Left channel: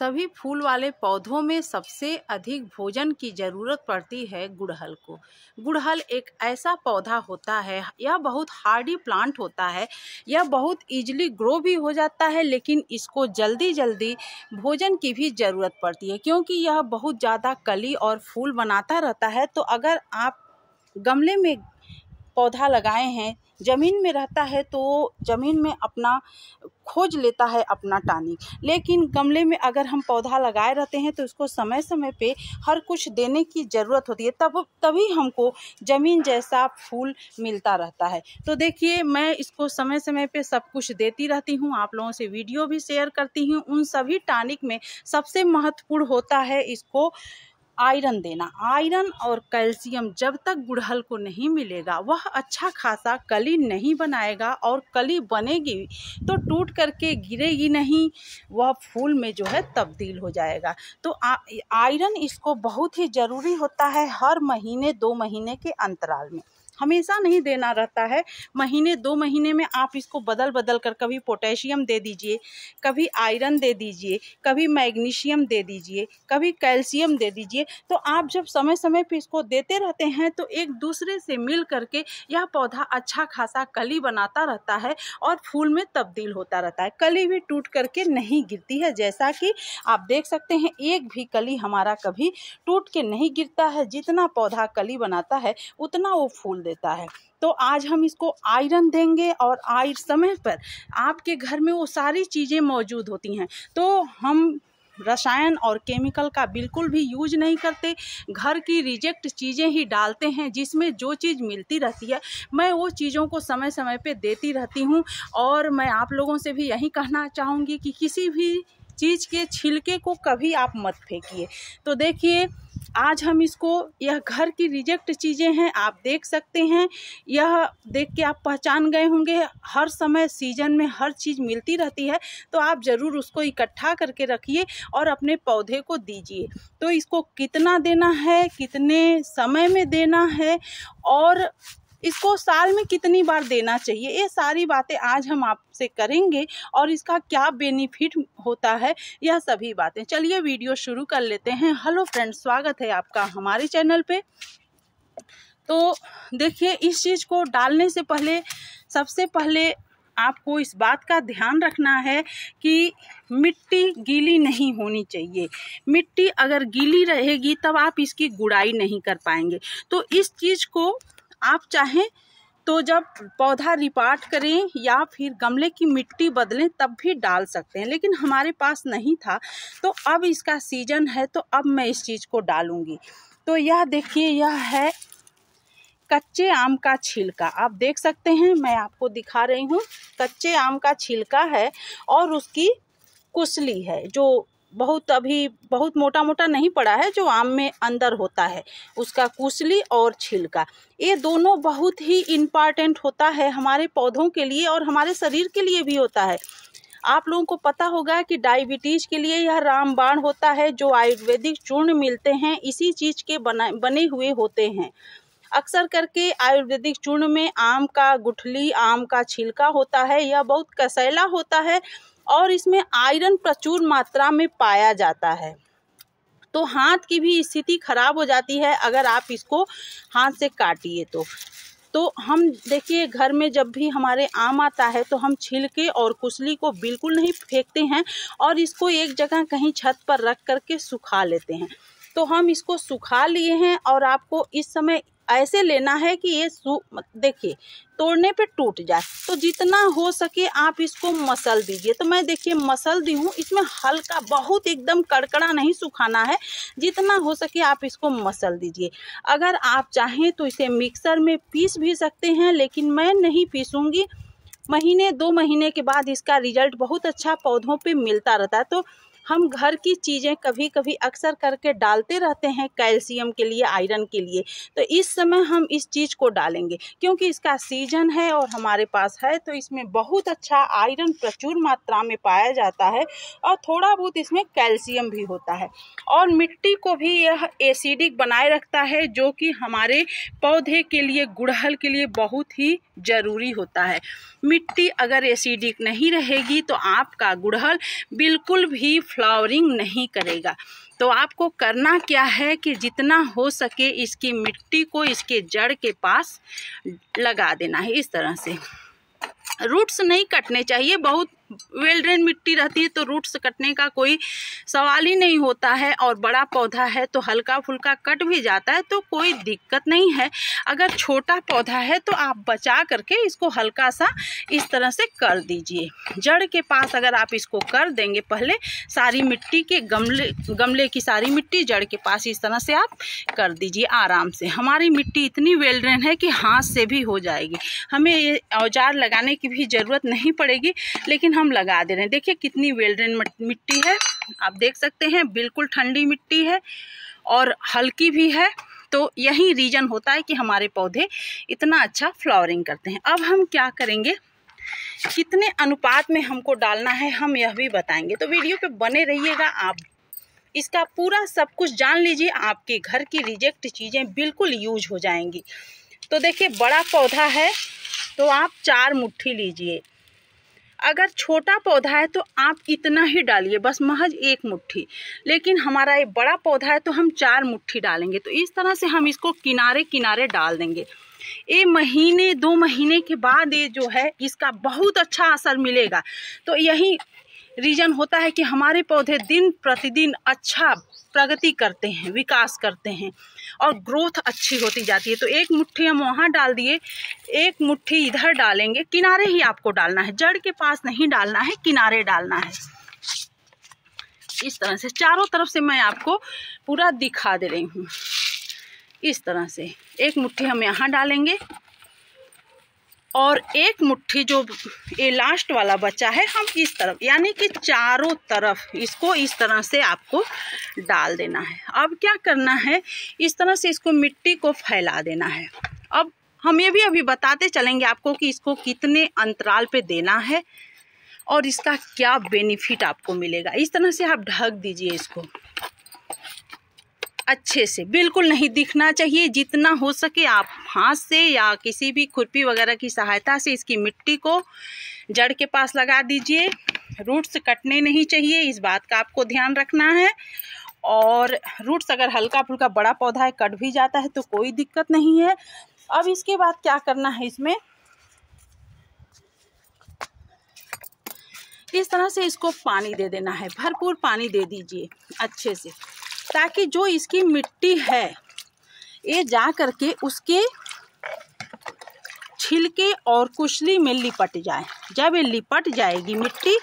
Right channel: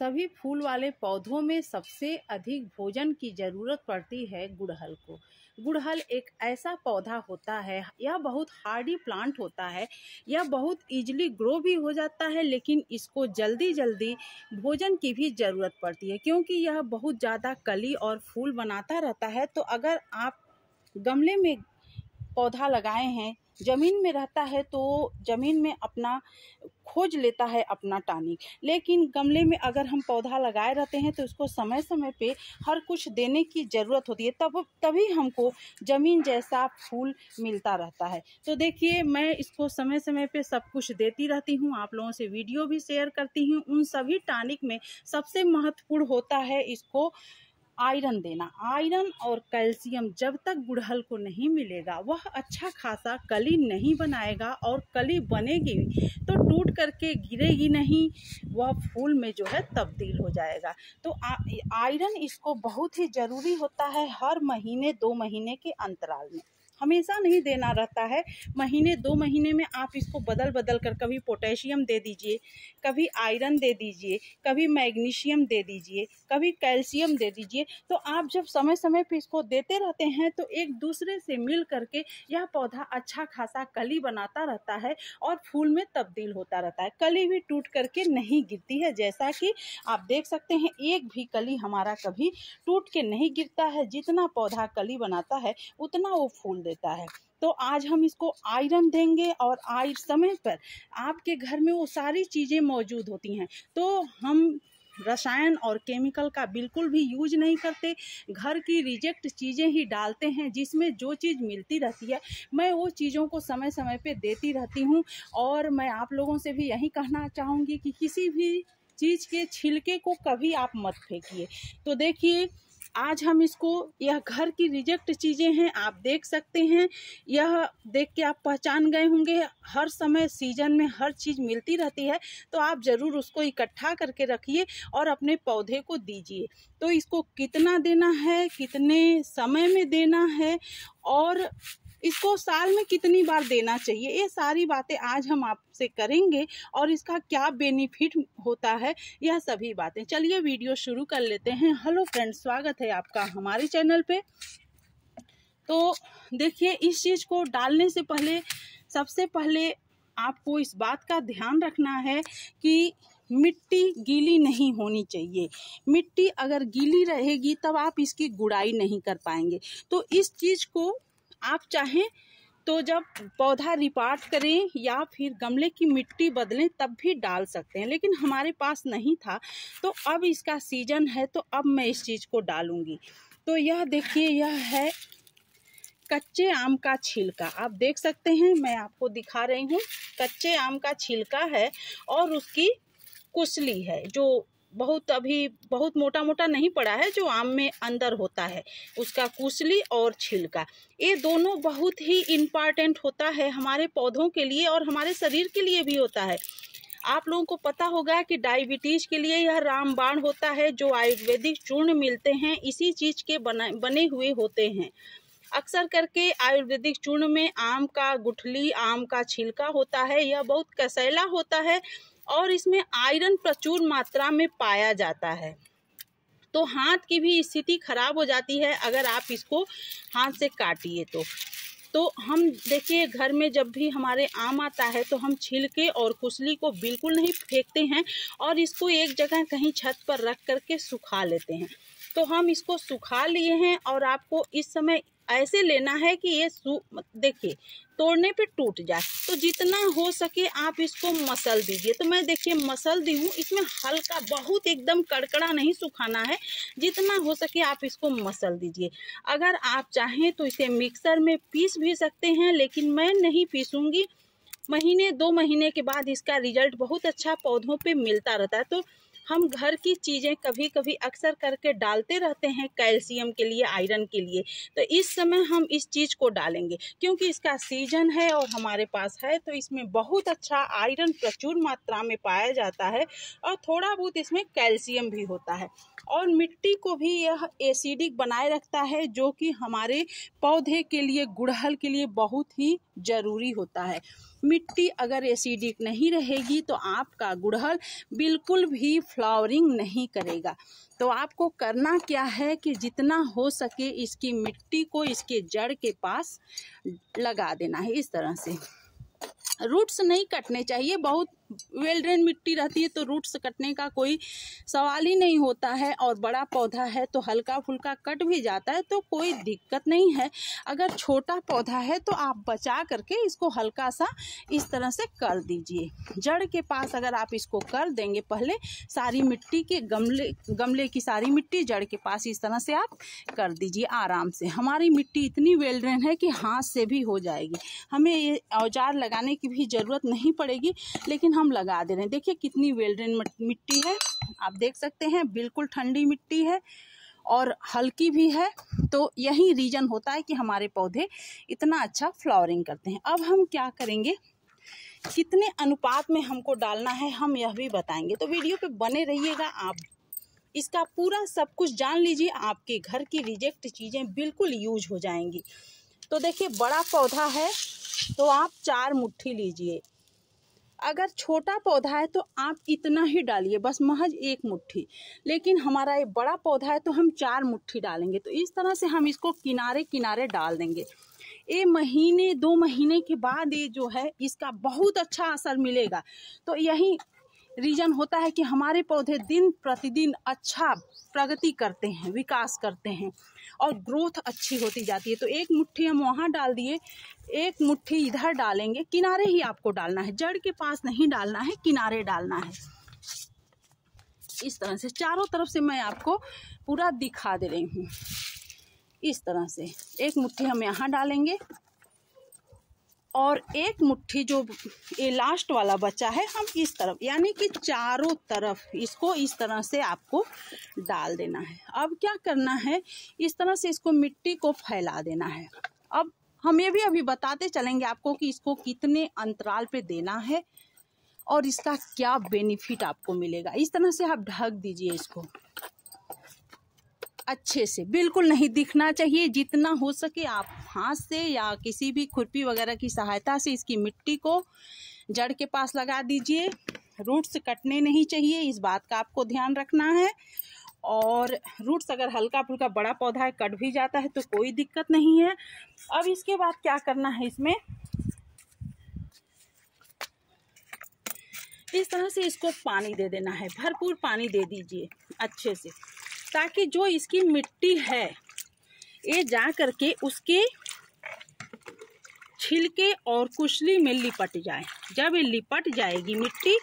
सभी फूल वाले पौधों में सबसे अधिक भोजन की ज़रूरत पड़ती है गुड़हल को। गुड़हल एक ऐसा पौधा होता है, यह बहुत हार्डी प्लांट होता है, यह बहुत इजीली ग्रो भी हो जाता है, लेकिन इसको जल्दी जल्दी भोजन की भी ज़रूरत पड़ती है क्योंकि यह बहुत ज़्यादा कली और फूल बनाता रहता है। तो अगर आप गमले में पौधा लगाए हैं, ज़मीन में रहता है तो ज़मीन में अपना खोज लेता है अपना टॉनिक, लेकिन गमले में अगर हम पौधा लगाए रहते हैं तो उसको समय समय पे हर कुछ देने की ज़रूरत होती है, तभी हमको ज़मीन जैसा फूल मिलता रहता है। तो देखिए, मैं इसको समय समय पे सब कुछ देती रहती हूँ, आप लोगों से वीडियो भी शेयर करती हूँ। उन सभी टॉनिक में सबसे महत्वपूर्ण होता है इसको आयरन देना। आयरन और कैल्शियम जब तक गुड़हल को नहीं मिलेगा वह अच्छा खासा कली नहीं बनाएगा, और कली बनेगी तो टूट करके गिरेगी नहीं, वह फूल में जो है तब्दील हो जाएगा। तो आयरन इसको बहुत ही ज़रूरी होता है। हर महीने 2 महीने के अंतराल में, हमेशा नहीं देना रहता है, महीने 2 महीने में आप इसको बदल बदल कर कभी पोटेशियम दे दीजिए, कभी आयरन दे दीजिए, कभी मैग्नीशियम दे दीजिए, कभी कैल्शियम दे दीजिए। तो आप जब समय समय पे इसको देते रहते हैं तो एक दूसरे से मिल करके यह पौधा अच्छा खासा कली बनाता रहता है और फूल में तब्दील होता रहता है। कली भी टूट करके नहीं गिरती है, जैसा कि आप देख सकते हैं, एक भी कली हमारा कभी टूट के नहीं गिरता है। जितना पौधा कली बनाता है उतना वो फूल देता है। तो आज हम इसको आयरन देंगे, और समय पर आपके घर में वो सारी चीज़ें मौजूद होती हैं। तो हम रसायन और केमिकल का बिल्कुल भी यूज नहीं करते, घर की रिजेक्ट चीज़ें ही डालते हैं, जिसमें जो चीज़ मिलती रहती है मैं वो चीज़ों को समय समय पे देती रहती हूँ। और मैं आप लोगों से भी यही कहना चाहूँगी कि किसी भी चीज़ के छिलके को कभी आप मत फेंकिए। तो देखिए, आज हम इसको, यह घर की रिजेक्ट चीज़ें हैं, आप देख सकते हैं, यह देख के आप पहचान गए होंगे। हर समय सीजन में हर चीज़ मिलती रहती है, तो आप ज़रूर उसको इकट्ठा करके रखिए और अपने पौधे को दीजिए। तो इसको कितना देना है, कितने समय में देना है, और इसको साल में कितनी बार देना चाहिए, ये सारी बातें आज हम आपसे करेंगे, और इसका क्या बेनिफिट होता है, यह सभी बातें। चलिए वीडियो शुरू कर लेते हैं। हेलो फ्रेंड्स, स्वागत है आपका हमारे चैनल पे। तो देखिए, इस चीज़ को डालने से पहले सबसे पहले आपको इस बात का ध्यान रखना है कि मिट्टी गीली नहीं होनी चाहिए। मिट्टी अगर गीली रहेगी तब आप इसकी गुड़ाई नहीं कर पाएंगे। तो इस चीज़ को आप चाहें तो जब पौधा रिपार्ट करें या फिर गमले की मिट्टी बदलें तब भी डाल सकते हैं, लेकिन हमारे पास नहीं था, तो अब इसका सीजन है तो अब मैं इस चीज़ को डालूंगी। तो यह देखिए, यह है कच्चे आम का छिलका, आप देख सकते हैं, मैं आपको दिखा रही हूँ। कच्चे आम का छिलका है और उसकी कुसली है, जो अभी बहुत मोटा मोटा नहीं पड़ा है, जो आम में अंदर होता है, उसका कुसली और छिलका, ये दोनों बहुत ही इम्पॉर्टेंट होता है हमारे पौधों के लिए और हमारे शरीर के लिए भी होता है। आप लोगों को पता होगा कि डायबिटीज के लिए यह रामबाण होता है, जो आयुर्वेदिक चूर्ण मिलते हैं इसी चीज़ के बने हुए होते हैं। अक्सर करके आयुर्वेदिक चूर्ण में आम का गुठली, आम का छिलका होता है, यह बहुत कसैला होता है और इसमें आयरन प्रचुर मात्रा में पाया जाता है। तो हाथ की भी स्थिति खराब हो जाती है अगर आप इसको हाथ से काटिए तो हम देखिए, घर में जब भी हमारे आम आता है तो हम छिलके और कुसली को बिल्कुल नहीं फेंकते हैं और इसको एक जगह कहीं छत पर रख करके सुखा लेते हैं। तो हम इसको सुखा लिए हैं और आपको इस समय ऐसे लेना है कि ये देखिए तोड़ने पे टूट जाए। तो जितना हो सके आप इसको मसल दीजिए। तो मैं देखिए मसल दी हूँ, इसमें हल्का, बहुत एकदम कड़कड़ा नहीं सुखाना है, जितना हो सके आप इसको मसल दीजिए। अगर आप चाहें तो इसे मिक्सर में पीस भी सकते हैं, लेकिन मैं नहीं पीसूँगी। महीने 2 महीने के बाद इसका रिजल्ट बहुत अच्छा पौधों पे मिलता रहता है। तो हम घर की चीज़ें कभी कभी अक्सर करके डालते रहते हैं कैल्शियम के लिए, आयरन के लिए। तो इस समय हम इस चीज़ को डालेंगे क्योंकि इसका सीजन है और हमारे पास है, तो इसमें बहुत अच्छा आयरन प्रचुर मात्रा में पाया जाता है और थोड़ा बहुत इसमें कैल्शियम भी होता है। और मिट्टी को भी यह एसिडिक बनाए रखता है, जो कि हमारे पौधे के लिए, गुड़हल के लिए बहुत ही ज़रूरी होता है। मिट्टी अगर एसिडिक नहीं रहेगी तो आपका गुड़हल बिल्कुल भी फ्लावरिंग नहीं करेगा। तो आपको करना क्या है कि जितना हो सके इसकी मिट्टी को इसके जड़ के पास लगा देना है। इस तरह से रूट्स नहीं कटने चाहिए, बहुत वेल ड्रेन मिट्टी रहती है तो रूट्स कटने का कोई सवाल ही नहीं होता है। और बड़ा पौधा है तो हल्का फुल्का कट भी जाता है तो कोई दिक्कत नहीं है। अगर छोटा पौधा है तो आप बचा करके इसको हल्का सा इस तरह से कर दीजिए। जड़ के पास अगर आप इसको कर देंगे, पहले सारी मिट्टी के गमले की सारी मिट्टी जड़ के पास इस तरह से आप कर दीजिए आराम से। हमारी मिट्टी इतनी वेल ड्रेन है कि हाथ से भी हो जाएगी, हमें ये औजार लगाने की भी ज़रूरत नहीं पड़ेगी, लेकिन हम लगा दे रहे हैं। देखिए कितनी वेल ड्रेन मिट्टी है, आप देख सकते हैं बिल्कुल ठंडी मिट्टी है और हल्की भी है। तो यही रीज़न होता है कि हमारे पौधे इतना अच्छा फ्लावरिंग करते हैं। अब हम क्या करेंगे, कितने अनुपात में हमको डालना है हम यह भी बताएंगे, तो वीडियो पे बने रहिएगा। आप इसका पूरा सब कुछ जान लीजिए, आपके घर की रिजेक्ट चीज़ें बिल्कुल यूज हो जाएंगी। तो देखिए बड़ा पौधा है तो आप 4 मुट्ठी लीजिए, अगर छोटा पौधा है तो आप इतना ही डालिए, बस महज 1 मुट्ठी। लेकिन हमारा ये बड़ा पौधा है तो हम 4 मुट्ठी डालेंगे। तो इस तरह से हम इसको किनारे किनारे डाल देंगे। ये महीने 2 महीने के बाद ये जो है इसका बहुत अच्छा असर मिलेगा। तो यही रीज़न होता है कि हमारे पौधे दिन प्रतिदिन अच्छा प्रगति करते हैं, विकास करते हैं और ग्रोथ अच्छी होती जाती है। तो 1 मुट्ठी हम वहाँ डाल दिए, 1 मुट्ठी इधर डालेंगे। किनारे ही आपको डालना है, जड़ के पास नहीं डालना है, किनारे डालना है। इस तरह से चारों तरफ से मैं आपको पूरा दिखा दे रही हूँ। इस तरह से 1 मुट्ठी हम यहाँ डालेंगे और 1 मुट्ठी जो ये लास्ट वाला बचा है हम इस तरफ, यानी कि चारों तरफ इसको इस तरह से आपको डाल देना है। अब क्या करना है, इस तरह से इसको मिट्टी को फैला देना है। अब हम ये भी अभी बताते चलेंगे आपको कि इसको कितने अंतराल पे देना है और इसका क्या बेनिफिट आपको मिलेगा। इस तरह से आप ढक दीजिए इसको अच्छे से, बिल्कुल नहीं दिखना चाहिए। जितना हो सके आप हाथ से या किसी भी खुरपी वगैरह की सहायता से इसकी मिट्टी को जड़ के पास लगा दीजिए। रूट्स कटने नहीं चाहिए, इस बात का आपको ध्यान रखना है। और रूट्स अगर हल्का फुल्का बड़ा पौधा है कट भी जाता है तो कोई दिक्कत नहीं है। अब इसके बाद क्या करना है, इसमें इस तरह से इसको पानी दे देना है, भरपूर पानी दे दीजिए अच्छे से, ताकि जो इसकी मिट्टी है ये जा करके उसके छिलके और कुचली में लिपट जाए। जब ये लिपट जाएगी मिट्टी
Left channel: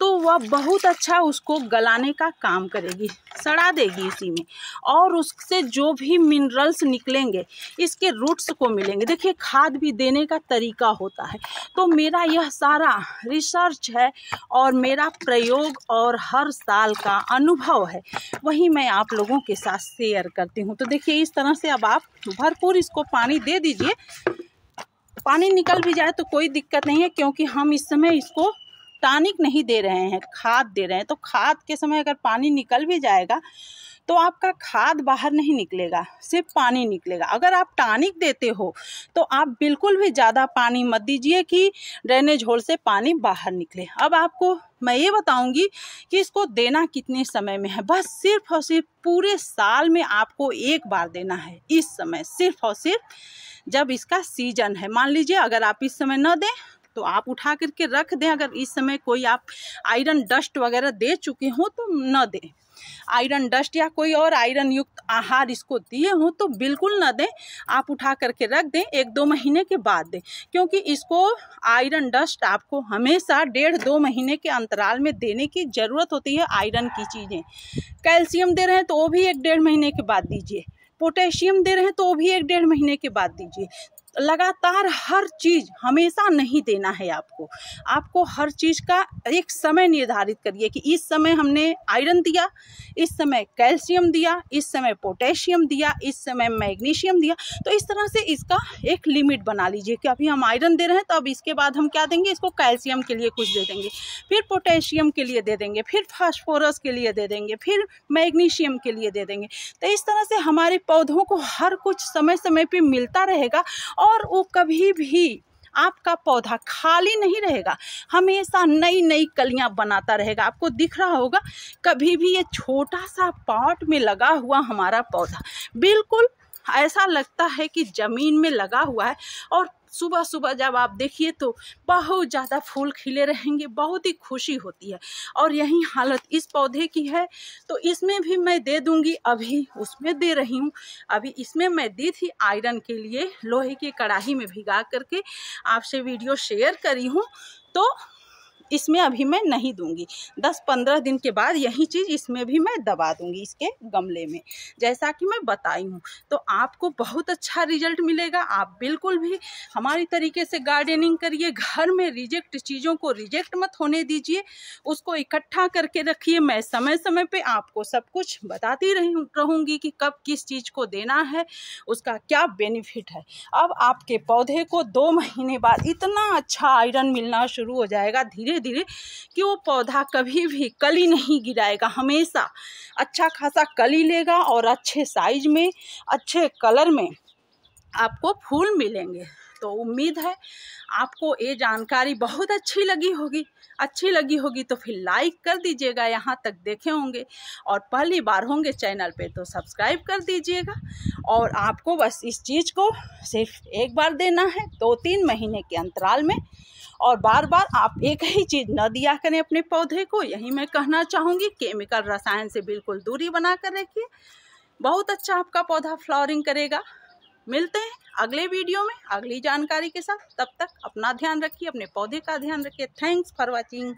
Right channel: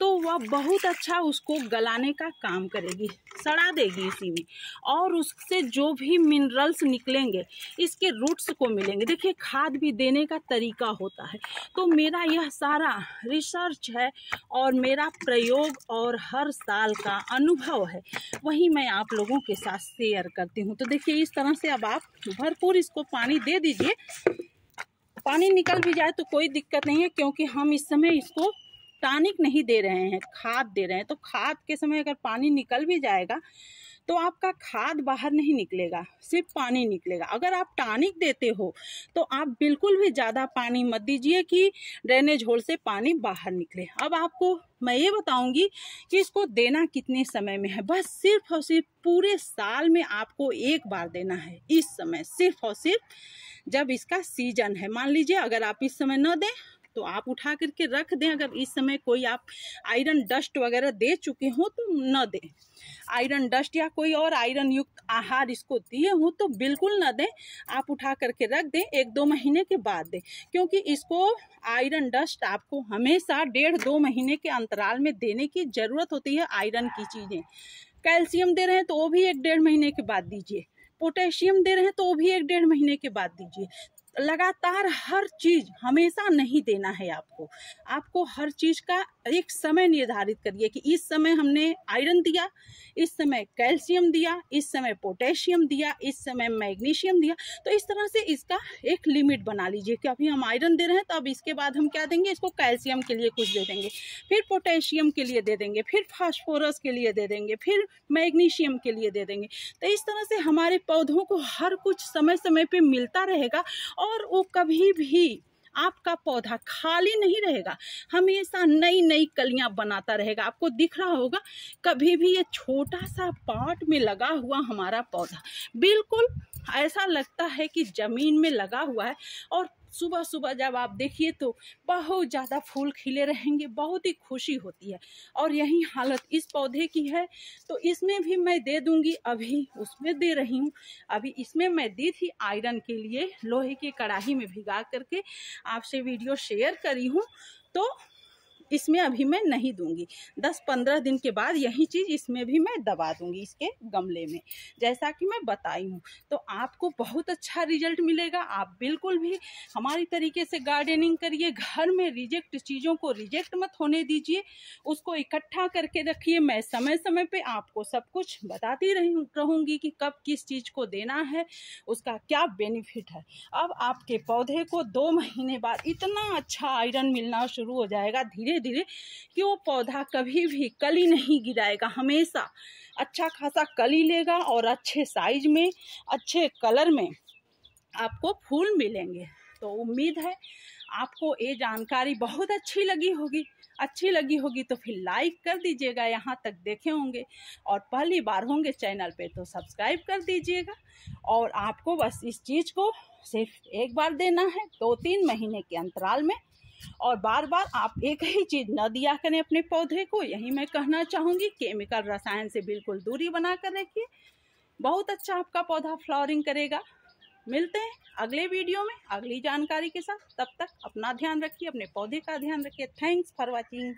तो वह बहुत अच्छा उसको गलाने का काम करेगी, सड़ा देगी इसी में, और उससे जो भी मिनरल्स निकलेंगे इसके रूट्स को मिलेंगे। देखिए खाद भी देने का तरीका होता है। तो मेरा यह सारा रिसर्च है और मेरा प्रयोग और हर साल का अनुभव है, वही मैं आप लोगों के साथ शेयर करती हूँ। तो देखिए इस तरह से अब आप भरपूर इसको पानी दे दीजिए। पानी निकल भी जाए तो कोई दिक्कत नहीं है, क्योंकि हम इस समय इसको टॉनिक नहीं दे रहे हैं, खाद दे रहे हैं। तो खाद के समय अगर पानी निकल भी जाएगा तो आपका खाद बाहर नहीं निकलेगा, सिर्फ पानी निकलेगा। अगर आप टॉनिक देते हो तो आप बिल्कुल भी ज़्यादा पानी मत दीजिए कि ड्रेनेज होल से पानी बाहर निकले। अब आपको मैं ये बताऊंगी कि इसको देना कितने समय में है। बस सिर्फ और सिर्फ पूरे साल में आपको 1 बार देना है। इस समय सिर्फ और सिर्फ जब इसका सीजन है, मान लीजिए अगर आप इस समय न दें तो आप उठा करके रख दें। अगर इस समय कोई आप आयरन डस्ट वगैरह दे चुके हो तो न दें, आयरन डस्ट या कोई और आयरन युक्त आहार इसको दिए हो तो बिल्कुल न दें। आप उठा करके रख दें, 1-2 महीने के बाद दें, क्योंकि इसको आयरन डस्ट आपको हमेशा 1.5-2 महीने के अंतराल में देने की ज़रूरत होती है। आयरन की चीज़ें, कैल्शियम दे रहे हैं तो वो भी 1-1.5 महीने के बाद दीजिए, पोटेशियम दे रहे हैं तो वो भी 1-1.5 महीने के बाद दीजिए। लगातार हर चीज़ हमेशा नहीं देना है आपको। आपको हर चीज़ का एक समय निर्धारित करिए कि इस समय हमने आयरन दिया, इस समय कैल्शियम दिया, इस समय पोटेशियम दिया, इस समय मैग्नीशियम दिया। तो इस तरह से इसका एक लिमिट बना लीजिए कि अभी हम आयरन दे रहे हैं तो अब इसके बाद हम क्या देंगे, इसको कैल्शियम के लिए कुछ दे देंगे, फिर पोटेशियम के लिए दे देंगे, फिर फास्फोरस के लिए दे देंगे, फिर मैग्नीशियम के लिए दे देंगे। तो इस तरह से हमारे पौधों को हर कुछ समय समय पर मिलता रहेगा और वो कभी भी आपका पौधा खाली नहीं रहेगा, हमेशा नई नई कलियां बनाता रहेगा। आपको दिख रहा होगा कभी भी ये छोटा सा पॉट में लगा हुआ हमारा पौधा बिल्कुल ऐसा लगता है कि ज़मीन में लगा हुआ है। और सुबह सुबह जब आप देखिए तो बहुत ज़्यादा फूल खिले रहेंगे, बहुत ही खुशी होती है। और यही हालत इस पौधे की है, तो इसमें भी मैं दे दूंगी, अभी उसमें दे रही हूँ। अभी इसमें मैं दी थी आयरन के लिए, लोहे की कढ़ाई में भिगा करके आपसे वीडियो शेयर करी हूँ, तो इसमें अभी मैं नहीं दूंगी। 10-15 दिन के बाद यही चीज़ इसमें भी मैं दबा दूंगी, इसके गमले में, जैसा कि मैं बताई हूँ। तो आपको बहुत अच्छा रिजल्ट मिलेगा। आप बिल्कुल भी हमारी तरीके से गार्डनिंग करिए, घर में रिजेक्ट चीज़ों को रिजेक्ट मत होने दीजिए, उसको इकट्ठा करके रखिए। मैं समय समय पे आपको सब कुछ बताती रहूँगी कि कब किस चीज़ को देना है, उसका क्या बेनिफिट है। अब आपके पौधे को 2 महीने बाद इतना अच्छा आयरन मिलना शुरू हो जाएगा धीरे धीरे कि वो पौधा कभी भी कली नहीं गिराएगा, हमेशा अच्छा खासा कली लेगा और अच्छे साइज में, अच्छे कलर में आपको फूल मिलेंगे। तो उम्मीद है आपको ये जानकारी बहुत अच्छी लगी होगी। तो फिर लाइक कर दीजिएगा, यहाँ तक देखे होंगे और पहली बार होंगे चैनल पे तो सब्सक्राइब कर दीजिएगा। और आपको बस इस चीज़ को सिर्फ एक बार देना है, 2-3 महीने के अंतराल में, और बार बार आप एक ही चीज़ न दिया करें अपने पौधे को। यही मैं कहना चाहूँगी, केमिकल रसायन से बिल्कुल दूरी बना कर रखिए, बहुत अच्छा आपका पौधा फ्लावरिंग करेगा। मिलते हैं अगले वीडियो में अगली जानकारी के साथ। तब तक अपना ध्यान रखिए, अपने पौधे का ध्यान रखिए। Thanks for watching.